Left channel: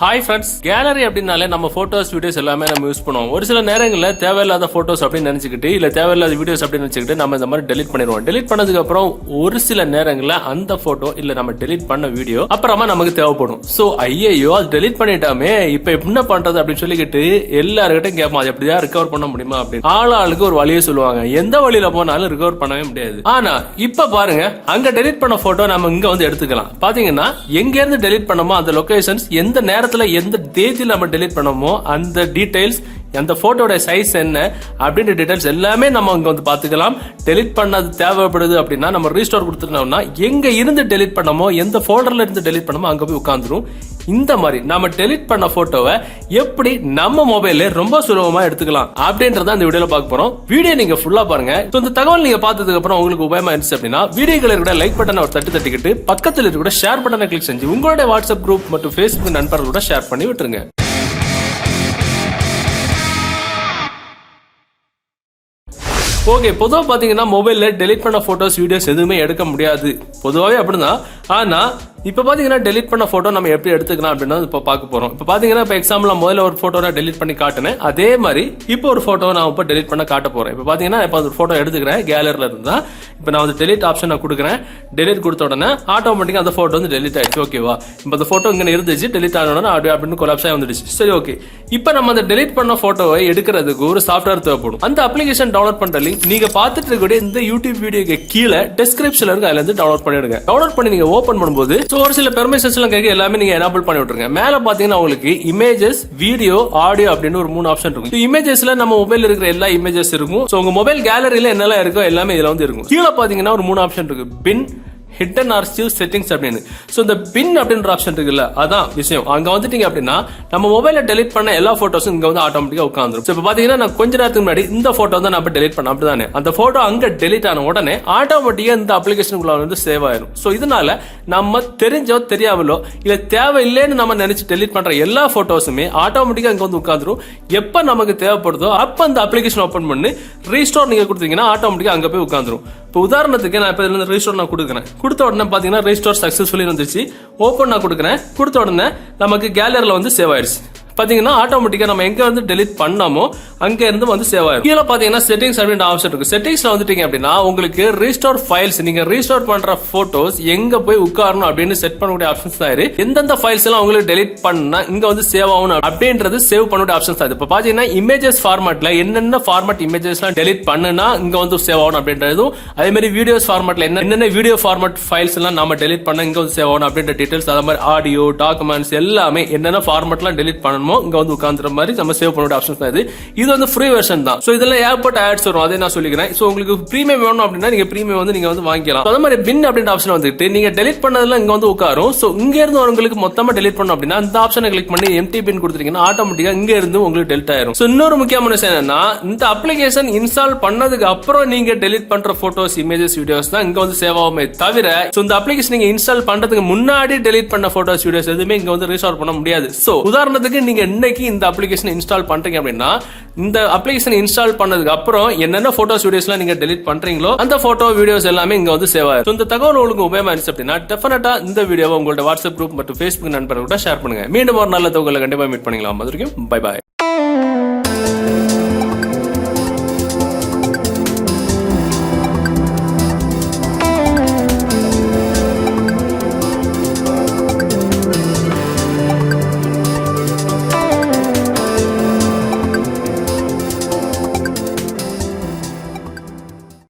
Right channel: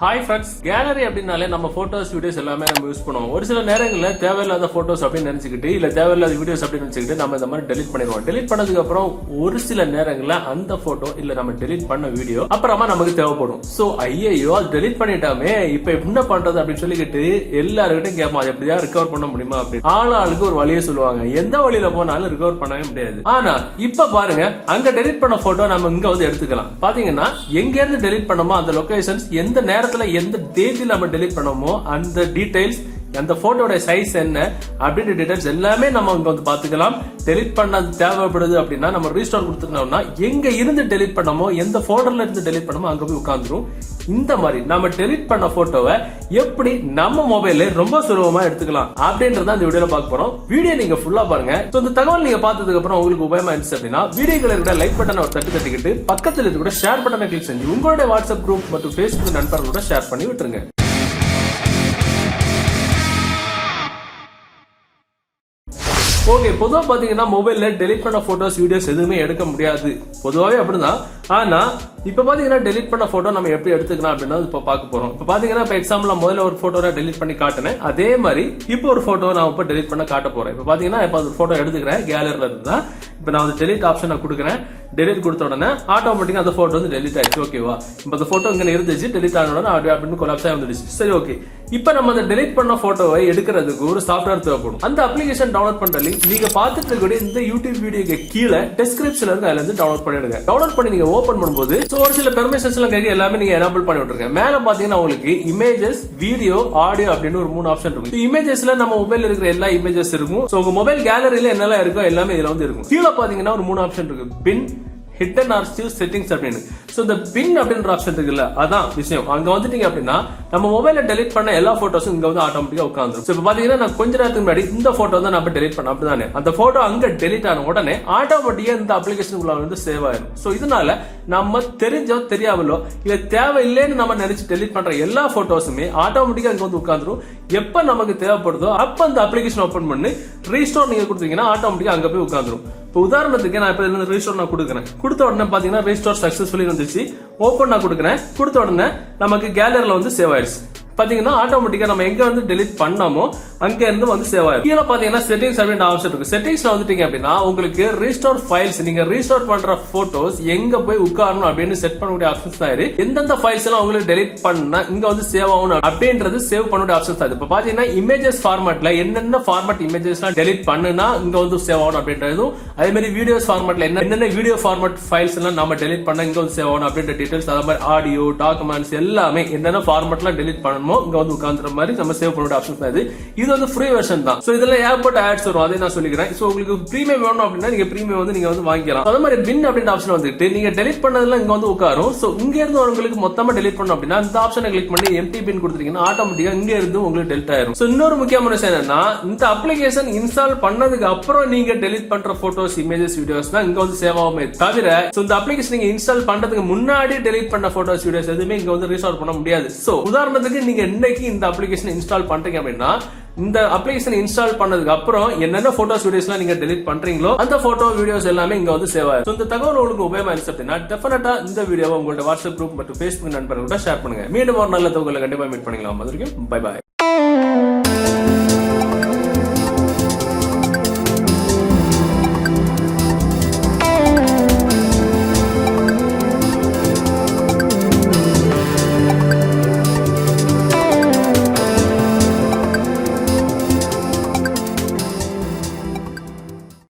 Hi friends, gallery அப்படின்னாலே நம்ம photos videos எல்லாமே நம்ம யூஸ் பண்ணுவோம். ஒரு சில நேரங்களில் தேவையில்லாத போட்டோஸ் அப்படின்னு நினைச்சுக்கிட்டு இல்ல தேவையில்லாத வீடியோஸ் அப்படின்னு நினைச்சுக்கிட்டு நம்ம இந்த மாதிரி டெலிட் பண்ணிடுவோம். டெலிட் பண்ணதுக்கு அப்புறம் ஒரு சில நேரங்களில் அந்த போட்டோ இல்ல நம்ம டெலிட் பண்ண வீடியோ அப்புறமா நமக்கு தேவைப்படும். சோ ஐயோ அது டெலிட் பண்ணிட்டாமே இப்ப என்ன பண்றது அப்படின்னு சொல்லிக்கிட்டு எல்லாருக்கிட்டும் கேட்போம், அது எப்படியா ரிகவர் பண்ண முடியுமா அப்படின்னு. ஆளுக்கு ஒரு வழியை சொல்லுவாங்க, எந்த வழியில போனாலும் ரிகவர் பண்ணவே முடியாது. ஆனா இப்ப பாருங்க, அங்க டெலிட் பண்ண போட்டோ நம்ம இங்க வந்து எடுத்துக்கலாம். பாத்தீங்கன்னா எங்க இருந்து டெலிட் பண்ணமோ அந்த லொகேஷன்ஸ், எந்த நேரத்துல எந்த தேதியில நம்ம டெலிட் பண்ணமோ அந்த டீடைல்ஸ், அந்த போட்டோட சைஸ் என்ன அப்படின்ற டீடைல்ஸ் எல்லாமே நம்ம அங்க வந்து பாத்துக்கலாம். டெலிட் பண்ணது தேவைப்படுது அப்படின்னா நம்ம ரீஸ்டோர் கொடுத்துட்டோம்னா எங்க இருந்து டெலிட் பண்ணமோ, எந்த போல்டர்ல இருந்து டெலிட் பண்ணமோ அங்க போய் உட்கார்ந்துரும். இந்த மாதிரி நம்ம டெலிட் பண்ண போட்டோவை எப்படி நம்ம மொபைல்ல ரொம்ப சுலபமா எடுத்துக்கலாம் அப்படின்றத இந்த வீடியோல பார்க்க போறோம். வீடியோ நீங்க ஃபுல்லா பாருங்க. இந்த தகவல் நீங்க பார்த்ததுக்கு அப்புறம் உங்களுக்கு உபயோகமா இருந்துச்சு அப்படின்னா வீடியோல இருக்கிற லைக் பட்டனை ஒரு தட்டிக்கிட்டு பக்கத்துல இருக்கிற ஷேர் பட்டனை கிளிக் செஞ்சு உங்களுடைய வாட்ஸ்அப் குரூப் மற்றும் Facebook நண்பர்களோட ஷேர் பண்ணி விட்டுருங்க. ஓகே, பொதுவா பாத்தீங்கன்னா மொபைல்ல டெலிட் பண்ண போட்டோஸ் வீடியோஸ் எதுவுமே எடுக்க முடியாது, பொதுவாவே அப்படிதான். ஆனா இப்ப பாத்தீங்கன்னா டெலிட் பண்ண போட்டோ நம்ம எப்படி எடுத்துக்கலாம் அப்படின்னா இப்ப பார்க்க போறோம். இப்ப பாத்தீங்கன்னா இப்ப எக்ஸாம்பிள் முதல்ல ஒரு போட்டோ டெலிட் பண்ணி காட்டினேன், அதே மாதிரி இப்போ ஒரு போட்டோ நான் இப்ப டெலிட் பண்ண காட்ட போறேன். இப்ப பாத்தீங்கன்னா இப்ப ஒரு போட்டோ எடுத்துக்கிறேன் கேலரில இருந்தா. இப்ப நான் வந்து டெலிட் ஆப்ஷன் கொடுக்குறேன். டெலிட் கொடுத்த உடனே ஆட்டோமேட்டிக்கா அந்த போட்டோ வந்து டெலிட் ஆயிடுச்சு. ஓகேவா, இப்ப அந்த போட்டோ இங்க இருந்துச்சு, டெலிட் ஆன உடனே அப்படின்னு கொலாப்ஸ் ஆகி வந்துடுச்சு. சரி, ஓகே. இப்ப நம்ம அந்த டெலிட் பண்ண போட்டோவை எடுக்கிறதுக்கு ஒரு சாஃப்ட்வேர் தேவைப்படும். அந்த அப்ளிகேஷன் டவுன்லோட் பண்ற லிங்க் நீங்க பார்த்துட்டு இருக்கக்கூடிய இந்த யூடியூப் வீடியோக்கு கீழே டிஸ்கிரிப்ஷன்ல இருக்கு, அதுல இருந்து டவுன்லோட் பண்ணிடுங்க. டவுன்லோட் பண்ணி நீங்க ஓபன் பண்ணும்போது ஒரு சில பெர்மிஷன்ஸ் எல்லாம் கேட்க எல்லாமே நீங்க எனேபிள் பண்ணி விட்டுருங்க. மேல பாத்தீங்கன்னா உங்களுக்கு இமேஜஸ், வீடியோ, ஆடியோ அப்படின்னு ஒரு 3 ஆப்ஷன் இருக்கும். இமேஜஸ்ல நம்ம மொபைல் இருக்கிற எல்லா இமேஜஸ் இருக்கும். சோ உங்க மொபைல் கேலரியில என்னெல்லாம் இருக்கோ எல்லாமே இதுல வந்து இருக்கும். கீழே பாத்தீங்கன்னா ஒரு 3 ஆப்ஷன் இருக்கு, பின், ஹிடன் ஆர்ச்சிவ், செட்டிங்ஸ் அப்படின்னு. சோ இந்த பின் அப்படின்ற ஆப்ஷன் இருக்குல்ல, அதான் விஷயம். அங்க வந்துட்டீங்க அப்படின்னா நம்ம மொபைல்ல டெலிட் பண்ண எல்லா போட்டோஸும் இங்க வந்து ஆட்டோமேட்டிக்கா உட்காந்துரும். இப்ப பாத்தீங்கன்னா நான் கொஞ்ச நேரத்துக்கு முன்னாடி இந்த போட்டோ வந்து நம்ம டெலிட் பண்ண அப்படிதானே, அந்த போட்டோ அங்க டெலிட் ஆன உடனே ஆட்டோமேட்டிக்கா இந்த அப்ளிகேஷனுக்குள்ள வந்து சேவ் ஆயிரும். சோ இதனால நம்ம தெரிஞ்சோ தெரியாமலோ இல்ல தேவையில்லைன்னு நம்ம நினைச்சு டெலிட் பண்ற எல்லா போட்டோஸுமே ஆட்டோமேட்டிக்கா இங்க வந்து உட்காந்துரும். எப்ப நமக்கு தேவைப்படுதோ அப்ப அந்த அப்ளிகேஷன் ஓபன் பண்ணி ரீஸ்டோர் நீங்க கொடுத்தீங்கன்னா ஆட்டோமேட்டிக்கா அங்க போய் உட்காந்துரும். இப்போ உதாரணத்துக்கு நான் இப்ப ரீஸ்டோர் நான் கொடுக்குறேன். கொடுத்த உடனே பாத்தீங்கன்னா ரீஸ்டோர் சக்சஸ்ஃபுல்லி வந்துச்சு. ஓபன் நான் கொடுக்குறேன். கொடுத்த உடனே நமக்கு கேலரியில வந்து சேவ் ஆயிடுச்சு. பாத்தீங்கன்னா ஆட்டோமேட்டிக்கா நம்ம எங்க வந்து டெலிட் பண்ணாமோ அங்க இருந்து வந்து சேவ் ஆயிடும். கீழே பாத்தீங்கன்னா செட்டிங்ஸ் அப்படின்ற ஆப்ஷன் இருக்கு. செட்டிங்ஸ்ல வந்துட்டீங்க அப்படின்னா உங்களுக்கு ரீஸ்டோர் ஃபைல்ஸ், நீங்க ரீஸ்டோர் பண்ற போட்டோஸ் எங்க போய் உட்காரணும் அப்படின்னு செட் பண்ணக்கூடிய ஆப்ஷன்ஸ் தான் இருக்கு. எந்தெந்த ஃபைல்ஸ் எல்லாம் உங்களுக்கு டெலிட் பண்ணா இங்க வந்து சேவ் ஆகணும் அப்படின்றது சேவ் பண்ணக்கூடிய ஆப்ஷன்ஸ் தான். இப்ப பாத்தீங்கன்னா இமேஜஸ் ஃபார்மேட்ல என்னென்ன ஃபார்மேட் இமேஜஸ் எல்லாம் டெலிட் பண்ணுனா இங்க வந்து சேவ் ஆகணும் அப்படின்றதும், அதே மாதிரி வீடியோஸ் ஃபார்மேட்ல என்னென்ன வீடியோ ஃபார்மேட் ஃபைல்ஸ் எல்லாம் நம்ம டெலிட் பண்ண இங்க வந்து சேவ் ஆகணும் அப்படின்ற டீடைல்ஸ், அதே மாதிரி ஆடியோ, டாக்குமெண்ட்ஸ் எல்லாமே என்னென்ன ஃபார்மேட்லாம் டெலிட் பண்ணணும் இங்க வந்து உட்கார்ந்துற மாதிரி நம்ம சேவ் பண்ணக்கூடிய ஆப்ஷன்ஸ் தான் இது. இது வந்து ஃப்ரீ வெர்ஷன் தான். சோ இதெல்லாம் ஏர்போர்ட் ஆட்ஸ் வரும், அதை நான் சொல்லிக்கிறேன். சோ உங்களுக்கு பிரீமியம் வேணும் அப்படின்னா நீங்க பிரீமியம் வந்து நீங்க வந்து வாங்கிக்கலாம். அதே மாதிரி பின் அப்படின்ற ஆப்ஷன் வந்துட்டு நீங்க டெலிட் பண்ணதெல்லாம் இங்க வந்து உட்காரும். சோ இங்க இருந்து உங்களுக்கு மொத்தமா டெலிட் பண்ணணும் அப்படின்னா இந்த ஆப்ஷனை கிளிக் பண்ணி எம்டி பின் கொடுத்தீங்கன்னா ஆட்டோமேட்டிக்கா இங்க இருந்து உங்களுக்கு டெலிட் ஆயிரும். சோ இன்னொரு முக்கியமான விஷயம் என்னன்னா, இந்த அப்ளிகேஷன் இன்ஸ்டால் பண்ணதுக்கு அப்புறம் நீங்க டெலிட் பண்ற போட்டோஸ், இமேஜஸ், வீடியோஸ் தான் இங்க வந்து சேவ் ஆகுமே தவிர இந்த அப்ளிகேஷன் நீங்க இன்ஸ்டால் பண்றதுக்கு முன்னாடி டெலிட் பண்ண போட்டோஸ், வீடியோஸ் எதுவுமே இங்க வந்து ரீஸ்டோர் பண்ண முடியாது. சோ உதாரணத்துக்கு நீங்க இன்னைக்கு இந்த அப்ளிகேஷன் இன்ஸ்டால் பண்றீங்க அப்படின்னா இந்த அப்ளிகேஷன் இன்ஸ்டால் பண்ணதுக்கு அப்புறம் என்னென்ன போட்டோஸ், வீடியோஸ்லாம் நீங்க டெலிட் பண்றீங்களோ அந்த போட்டோ, வீடியோஸ் எல்லாமே இங்க வந்து சேவ் ஆகும். இந்த தகவல் உங்களுக்கு உபயோகமா இருந்துச்சு அப்படின்னா டெஃபினட்டா இந்த வீடியோவை உங்களோட வாட்ஸ்அப் குரூப் மற்றும் Facebook நண்பர்களோட ஷேர் பண்ணுங்க. மீண்டும் ஒரு நல்ல தகவலை கண்டிப்பா மீட் பண்ணிக்கலாம். அது வரைக்கும் பை பாய்.